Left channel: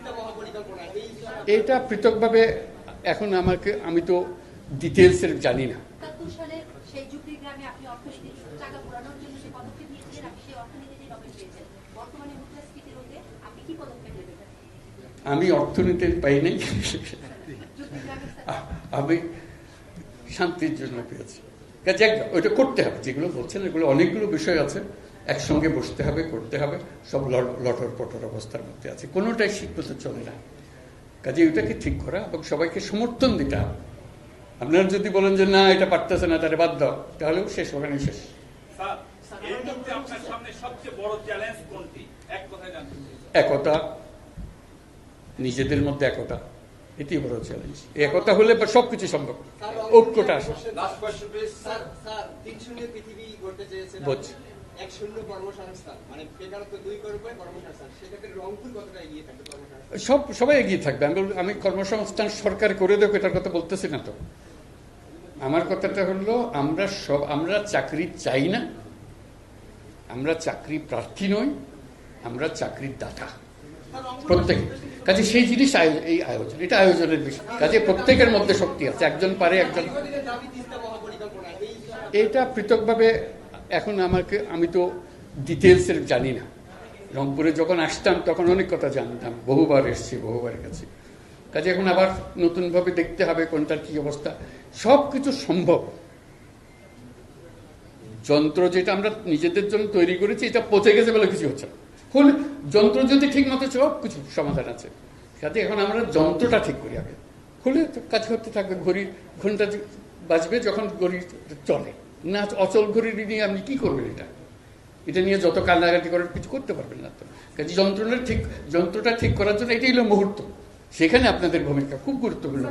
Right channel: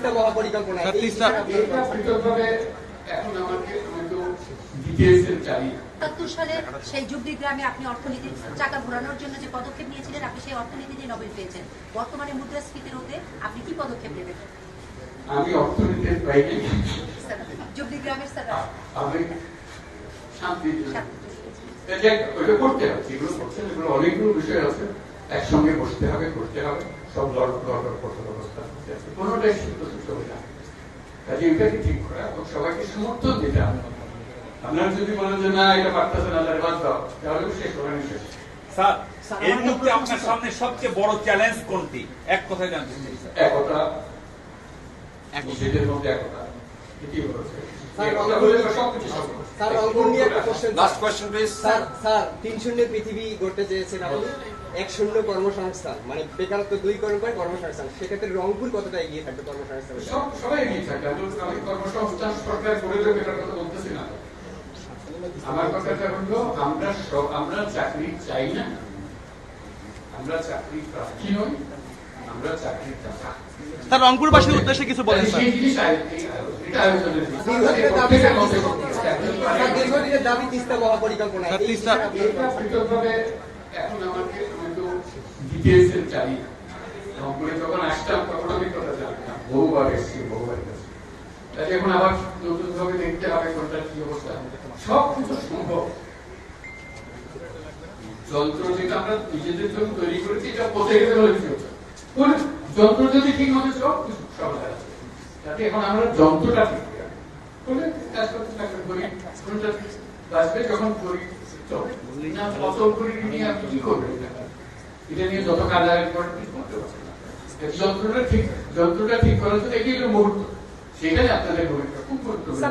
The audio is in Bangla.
তিস্তা মহাপরিকল্পনা এটা পৃথকভাবে এখন আমি তো ডিটেইলস জানি না। ৭৭ সালে সেই যুবলী গ্রামে আপনি অর্থনীতির চাকা ঘোরানোর জন্য যে পদক্ষেপ নিয়েছিলেন, আপনি সেই অর্থনীতি নিয়ে নোবেল পেয়েছেন। বর্তমানে মুদ্রাস্ফীতির হতে আপনি কি পদক্ষেপ নেবেন? আমি অর্থনীতির বাইরে যুবলী গ্রামের আমি শান্তির জন্য কাজে ওইটা করতে হবে। যেগুলো করছেন এগুলো অনেকগুলো বিষয় আছে, একসঙ্গে বসতে হবে, করতে হবে। সব লটর পটর অবস্থা করতে আছে, কোনোটাই সিদ্ধান্ত চলে না। কাজে এটাকে ঠিক করা এবং সবাইকে সমর্থন দিতে হবে। আপনারা যদি বলেন যে না এটা পারতেছে না, তাহলে বাদ দাও, তাহলে শেষ হবে না। শেষ স্যার, এই মুহূর্তে আপনার সামনে সবচেয়ে বড় চ্যালেঞ্জ কোনটি? এক কথায় জানতে চাই। একতা, নিজেদের মধ্যে একতা, এটি হলো চ্যালেঞ্জ। একতা হলে সবকিছু সম্ভব। Last question please. স্যার ৩-০ পৃথিবী গড়তে চেয়েছেন আপনি, ১-০ কর্মসংস্থান, মানে বেকারত্ব ২ করণ করে কর্মসংস্থান। সেক্ষেত্রে রংপুর কতটা এগিয়ে থাকবে কর্মসংস্থান? সবাই এগিয়ে থাকবে। আমি কর্মসংস্থান সরকার করে দেবো এটার কথা বলতেছি না তো। আমার কথাটা হলো আমরা চাকরি চাই না, আমরা চাকরি প্রার্থী নই, আমরা চাকরির দাতা। স্যার, রংপুরবাসীর উদ্দেশ্যে কিছু বলেন। সেই জিনিস এই আয়োজন, এটা আয়োজনের বিষয়। প্রত্যেকের মধ্যে শক্তি আছে, একজন পারে। দীর্ঘদিনের দাবি তিস্তা মহাপরিকল্পনা, এটা পৃথকভাবে এখন আমি তো ডিটেইলস জানি না। রংপুরে যখন আসতাম তখন অনেক কথা জানতাম, বহুবার এসেছি, বহুবার গেছি। কাজে এখন আবার নতুন ভাবে দেখতে হবে কোনটার কি অবস্থা। সবকিছু সম্ভব। যন্ত্র যেটা আমরা নিজেদের জন্য তৈরি করেছি এটা পচে গেছে বলে কিছু হচ্ছে, যন্ত্র যদি ঠিক মতো সব কিছু সমাধান আছে। কাজে এখন আমরা যন্ত্রটা ঠিক করি, হলে কাজ করতে থাকবে। ঘন্টা বাঁচবে যখন ঘড়ি চলে না। অচল ঘড়ি নিয়ে আমি কি করবো? এটা নিয়ে যত কান্নাকাটি করার কিছু করতে পারছি না। যন্ত্রটা ঠিক করার জন্য এটাই হলো মুহূর্ত। সেখানে আপনাদের ভূমিকা খুব গুরুত্বপূর্ণ।